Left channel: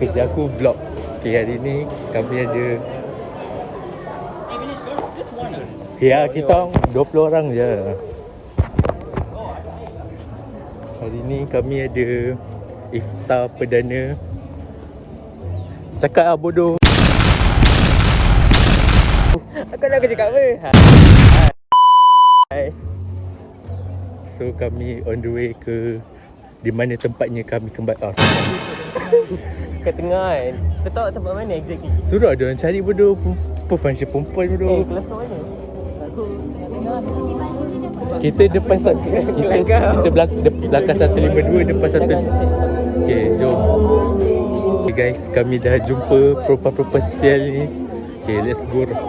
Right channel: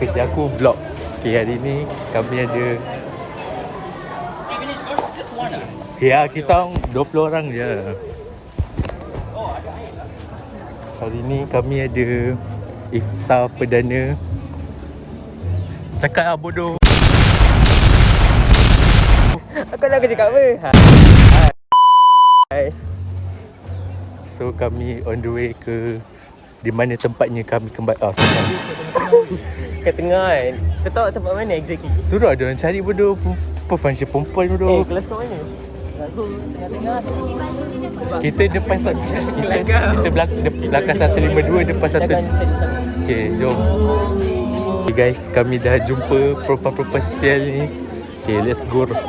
kerja aku vlog. Okay, hari ni kami ada ya, kita 20 orang je. Hari ni kami ada iftar perdana. Cakap lah bodoh. Aku nak cakap apa? So kami on the way ke di mana tempatnya kami kembali. Kat tengah kan. Kau tahu tempat mana exactly? Suruh ada orang cari bodoh. Function perempuan bodoh. Kelas kau mana? Kita depan kita belakang 152 depan satu. Okay, jom. Okay guys, kami dah jumpa perempuan-perempuan sial ni. Okay, let's go. Okay,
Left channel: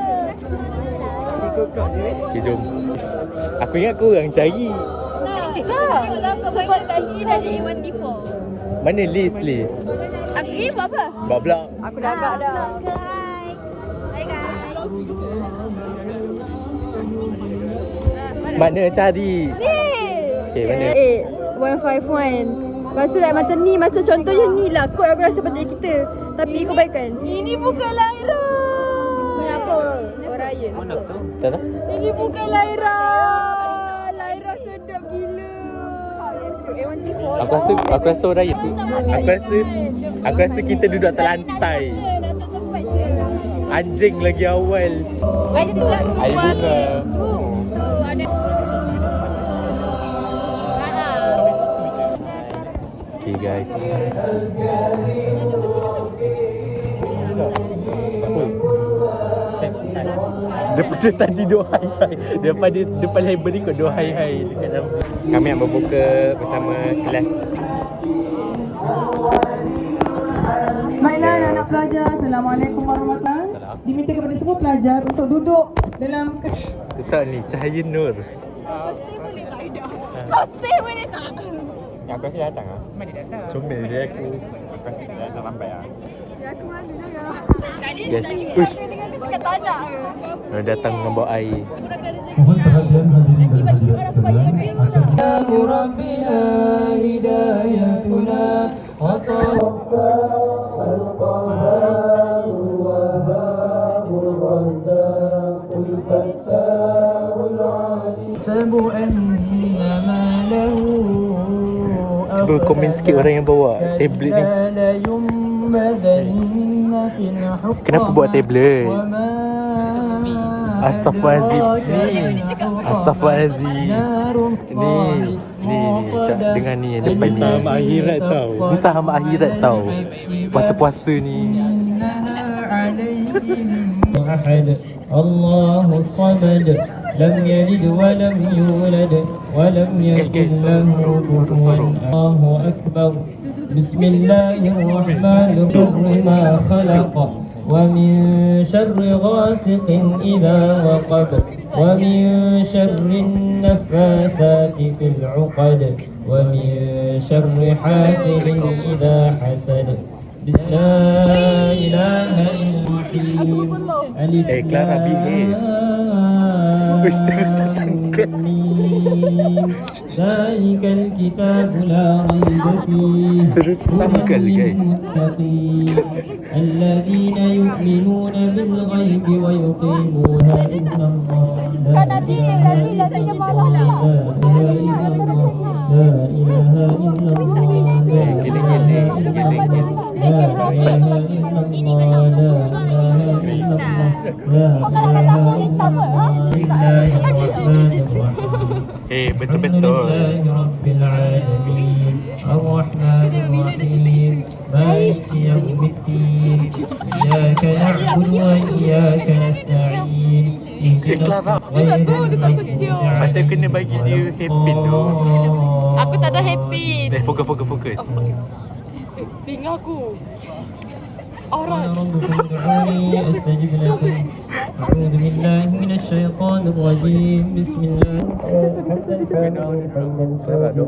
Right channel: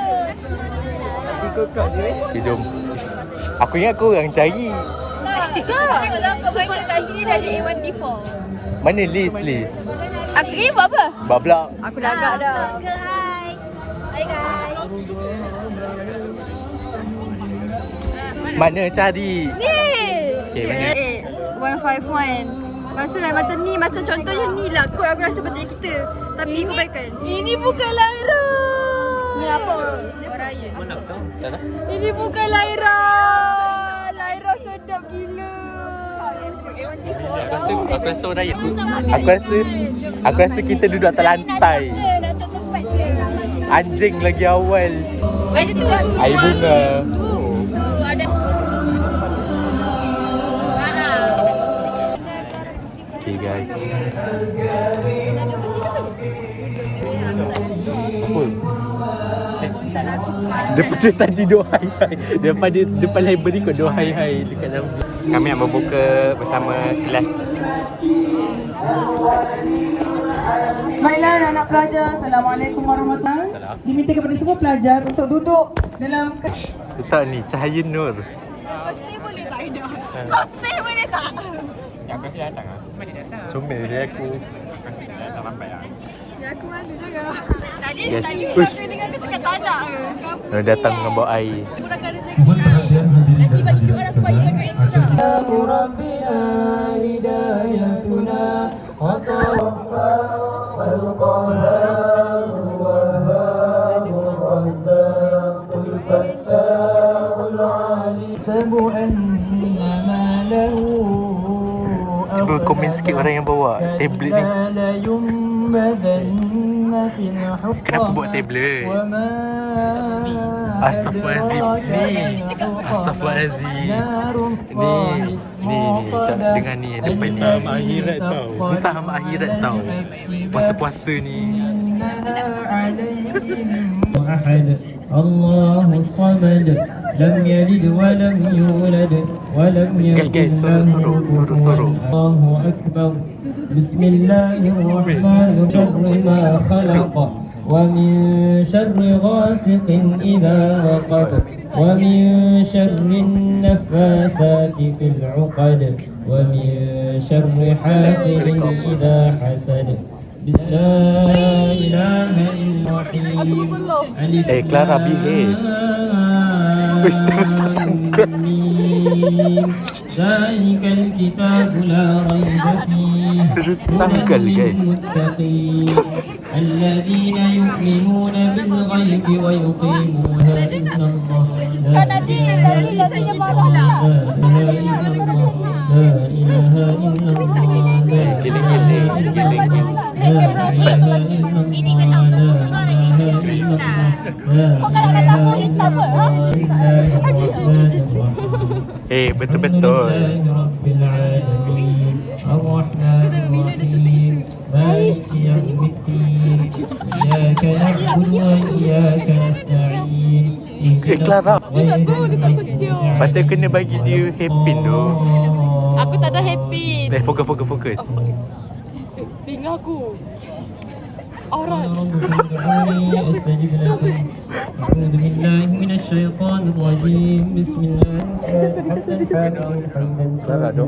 jom. Aku ingat korang cari. Tengoklah kau baca kat sini dah ada A1T4. Mana list? Aku buat apa? Bablak. Aku dah agak dah. Hai guys. Mana cari? Ni. Okay, mana? 151. Lepas tu like macam ni, macam contohnya ni lah kod aku rasa betul kita. Tapi kau baikkan. Ini bukan Laira. Ni apa? Raya. Mana aku tahu? Tak tahu. Ini bukan Laira. Laira sedap gila. Aku rasa orang raya. Aku rasa kita duduk atas lantai. Nak cek tempat je. Anjing lagi awal. Ada tu. Air bunga. Oh. Tu ada. Okay guys. Apa? Daripada tadi doa hai-hai. Daripada depan library kau doa hai-hai dekat dalam. Kami nak berbuka bersama kelas. Baiklah anak-anak pelajar, Assalamualaikum warahmatullahi wabarakatuh. Diminta kepada semua pelajar untuk duduk dalam Letak ni cahaya nur. Kau stay boleh tak Aida? Kau stay boleh tak? Aku rasa datang lah. Comel dia aku. Datang lambat lah. Ya aku malu juga. Yes. Tadi Uish. aku dengar kau cakap tak nak. Datang dengan bawa air. Murahkan rezeki. Nanti bagi orang aku bagi kat yang sana. ربنا هدايتنا وتوفى القهار الوهاب الرزاق الفتاح العليم سب أنما له Cuba komen sikit orang yang bawa tablet ni. Kenapa bawa tablet? Astaghfirullahaladzim. Astaghfirullahaladzim. Ni tak dengar ni yang depan ni. Sama akhirat tau. Ni sama akhirat tau. Puasa-puasa ni. أحد الله الصمد لم يلد ولم يولد ولم يكن له كفوا الله أكبر بسم الله الرحمن الرحيم ما خلق ومن شر غاسق إذا وقب ومن شر النفاثات في العقد ومن شر حاسد إذا حسد بسم الله لا إله إلا الرحيم Clara behave. Wish dia tangkap. ذلك الكتاب لا ريب فيه Terus tanggal guys. للمتقين الذين يؤمنون بالغيب ويقيمون إن الله لا إله إلا الله لا إله إلا الله لا Giling-giling. إله إلا الله لا إله إلا الله لا إله إلا الله لله الرحمن الرحيم Betul-betul. الحمد لله رب العالمين الرحمن الرحيم مالك يوم الدين إياك نعبد وإياك نستعين Clara. Patut kena bagi dia hairpin tu. Aku tak ada happy. Fokus. Tinggal aku. قال ربكم ادعوني أستجب لكم أعوذ بالله من الشيطان الرجيم بسم الله حمدا حامدا حمدا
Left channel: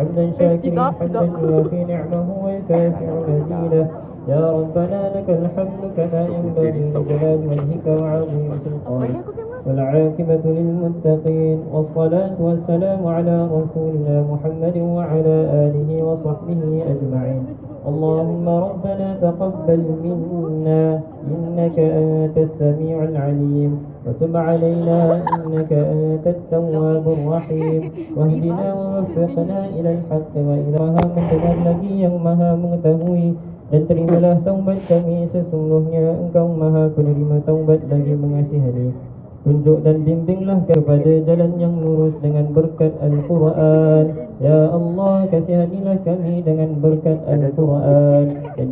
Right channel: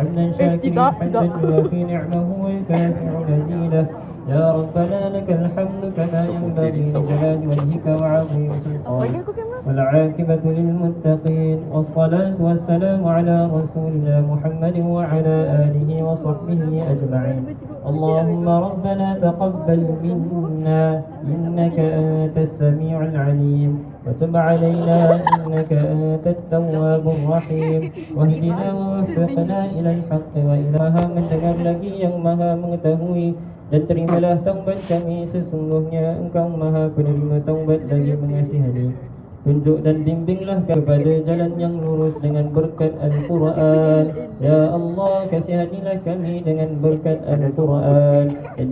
حمدا شاكرا حمدا يوافي نعمه ويكافئ مزيده يا ربنا لك الحمد كما ينبغي لجلال وجهك وعظيم سلطانك والعاقبة للمتقين والصلاة والسلام على رسولنا محمد وعلى آله وصحبه أجمعين اللهم ربنا تقبل منا إنك أنت السميع العليم وتب علينا إنك أنت التواب الرحيم واهدنا ووفقنا إلى الحق وإلى mendengar lagi yang maha mengetahui dan terimalah taubat kami sesungguhnya engkau maha penerima taubat lagi mengasihani. Tunjuk dan bimbinglah kepada jalan yang lurus dengan berkat Al-Quran. Ya Allah, kasihanilah kami dengan berkat Al-Quran dan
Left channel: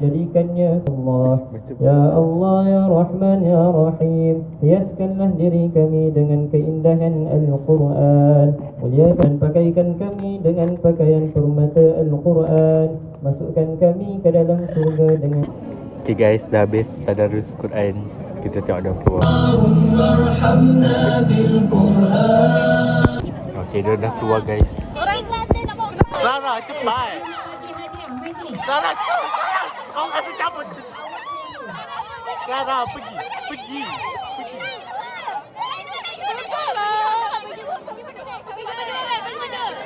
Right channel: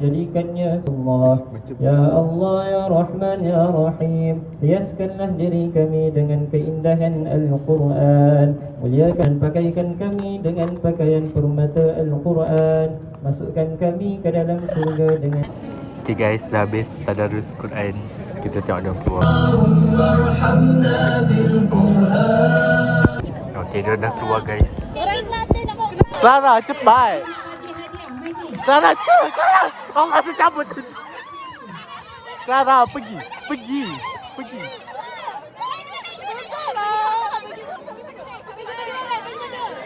jadikannya Allah. Ya Allah, Ya Rahman, Ya Rahim, hiaskanlah diri kami dengan keindahan Al-Quran. Muliakan pakaikan kami dengan pakaian permata Al-Quran. Masukkan kami ke dalam surga dengan... Okay guys, dah habis tadarus Quran. Kita tengok dia keluar. Okay, dia dah keluar guys. Clara, cepat. Clara, cepat. Kau masih cabut. Clara, pergi.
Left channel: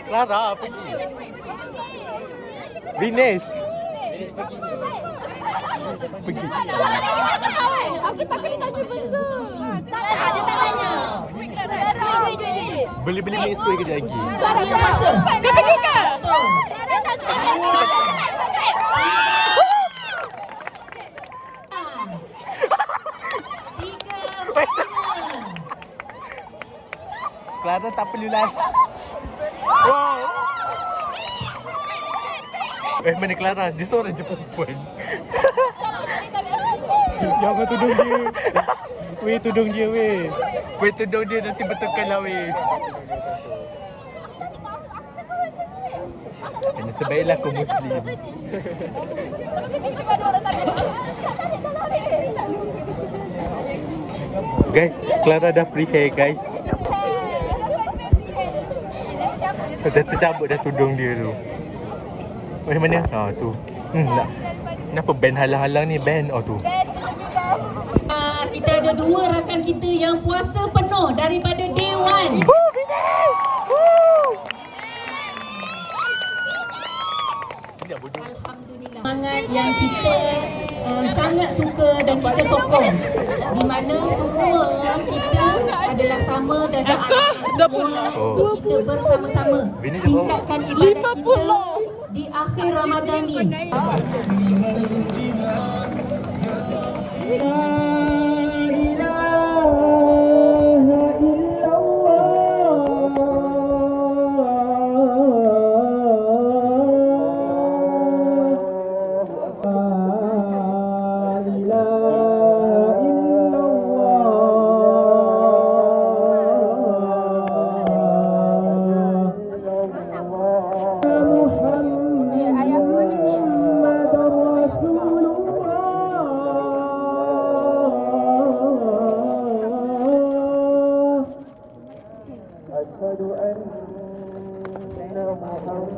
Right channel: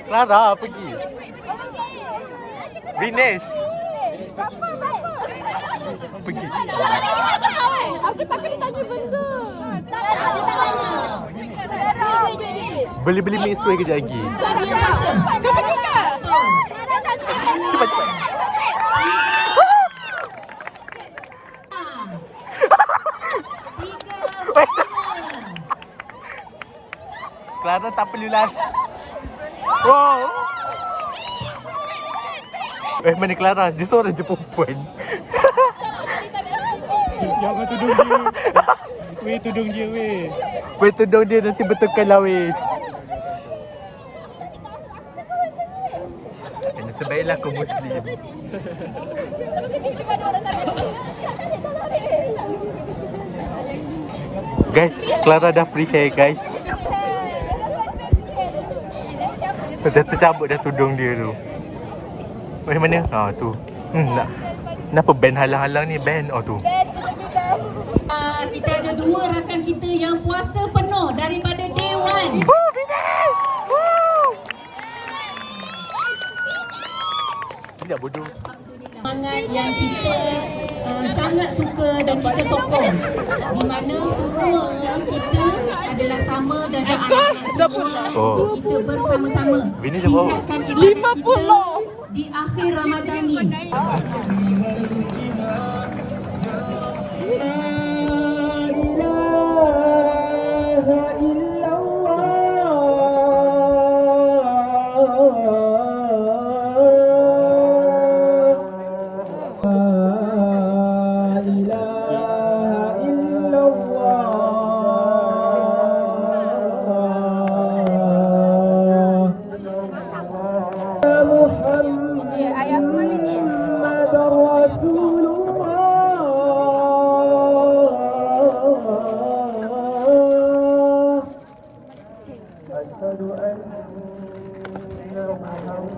Clara, pergi. Vinesh. Pergi. Beli mesway kejap lagi. Kau pergi ke? Clara tak perlu lari. Wow. Mana Clara? Dia seorang je perempuan. Jangan tudung dia. Weh, tudung dia weh. Weh, tudung dia nanti betulkan lah weh. Ini sebaiklah kau Muslim. Guys, Clara dah free hair guys. Dah tercabut dah tudung dia tu. Weh, mana? Tu. Kenapa band halang-halang ni? Band tu. Kita ada 2 rakan kita yang puasa penuh daripada day 1. Tidak bodoh. Alhamdulillah. Semangat yang kita sangat suka dan kita sokong. Di mana semua kita adalah sama dan untuk kita bersama-sama tingkatkan ibadat kita di akhir Ramadan ni.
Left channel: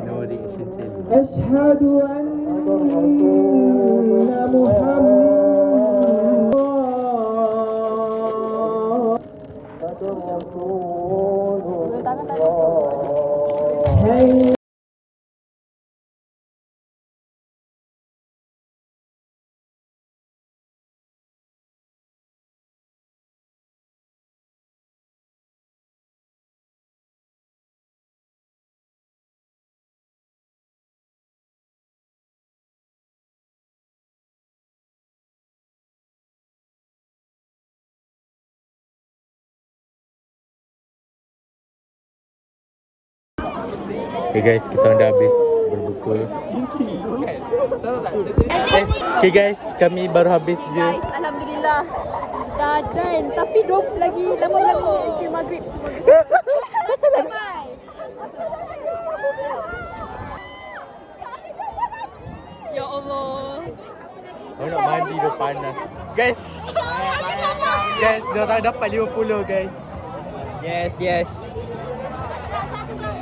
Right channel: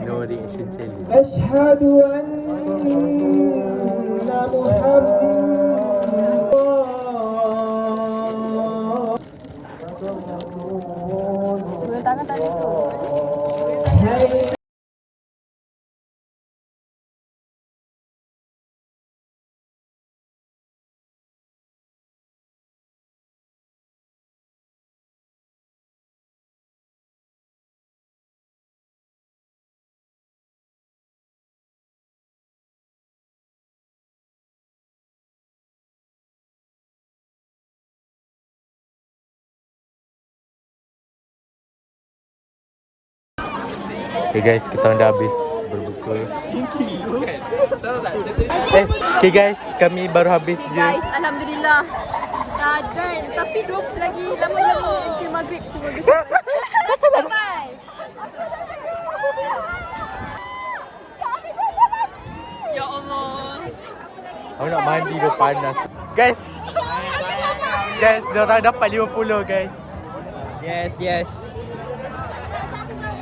No reaction challenge. أشهد أن محمد Okay guys, kita orang dah habis berbuka. Okay guys, kami baru habis je. Guys, Alhamdulillah dah done. Tapi lagi lama minit until maghrib semua. Ya Allah. Aku nak mandi dah panas. Guys, diorang dapat 50 guys. Yes.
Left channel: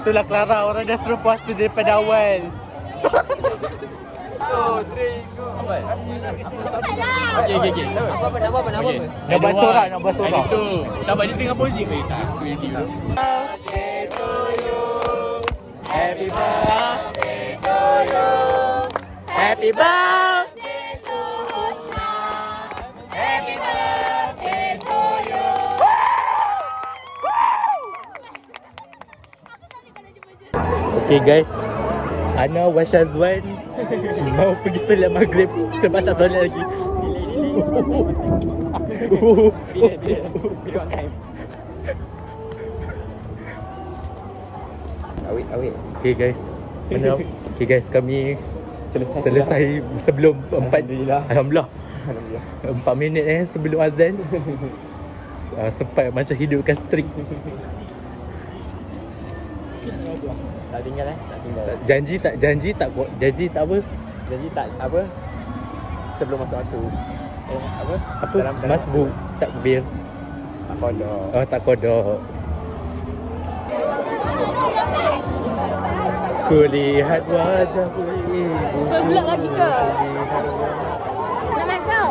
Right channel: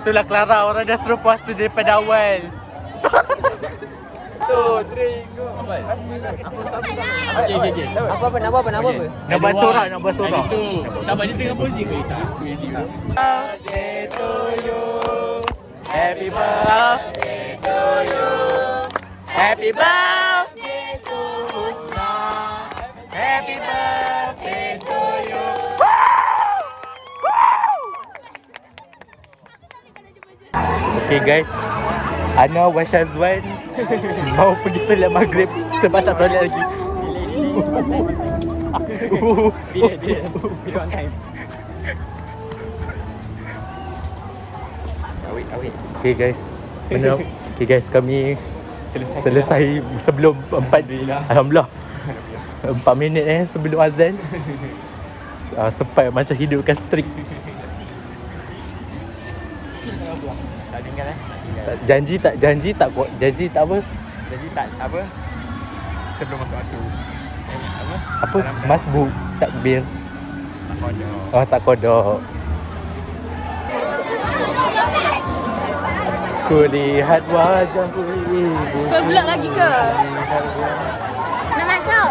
Itulah Clara, orang dah suruh puasa daripada awal. Okay. Apa? Nak buat sorak. Itu. Sabar, dia tengah posing ke? Happy birthday to you. Happy birthday to you. Happy birthday to Husna. Happy birthday to you. Okay guys, Ana wa Syazwan mau pergi solat maghrib sebab tak solat lagi. Awet. Okay guys, okay guys, kami selesai sebelum 4. Alhamdulillah 4 minit sebelum azan. Sempat macam hidupkan strik. Tak tinggal tak tinggal. Janji tak apa. Jadi tak apa? Sebelum masuk waktu. Apa? Apa? Masbuk, takbir. Tak kodok. Oh, tak kodok. Kulihat wajahku ibu. Kau bulat lagi ke? Kulihat wajah. Nak masuk?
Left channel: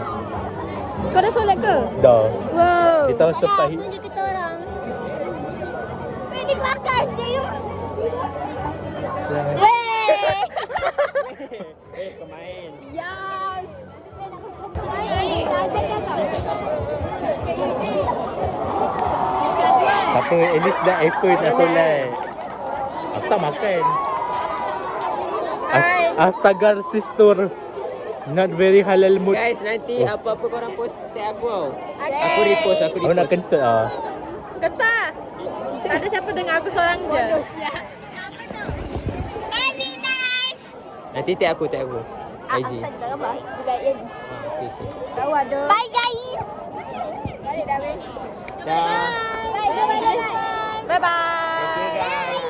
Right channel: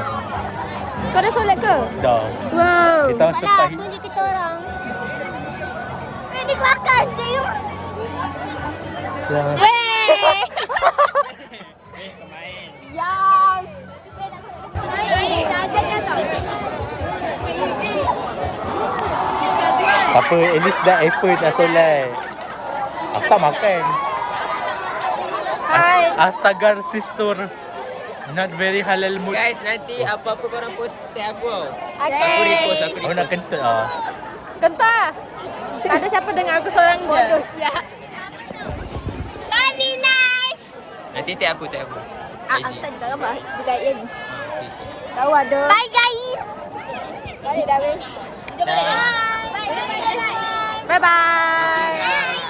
Kau dah solat ke? Dah. Wow. Kita sempat Tunjuk kita orang. Ini makan je. Kemain. Yes. tak apa, at least dah effort dah solat. Aku tak makan. Astagar sister. Not very halal mood. Guys, nanti Oh. apa-apa korang post tag aku. Okay. Aku repost. Aku nak kentut lah. Kentah. Tak ada siapa dengar aku seorang je. Nanti tag aku. IG. Okay. Tahu ada. Hi guys. Balik dah weh. Dah. Bye bye. Thank you guys.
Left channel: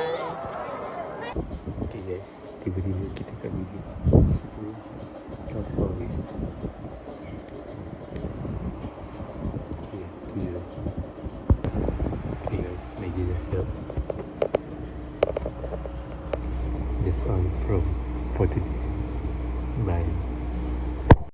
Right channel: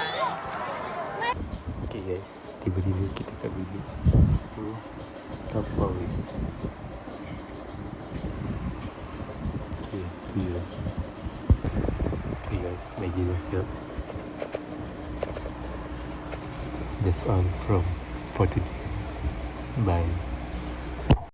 Okay guys, tiba-tiba kita kat bilik 10 apa weh. Okay, tu je. Okay guys, Maggi dah siap. That's all for today. Bye.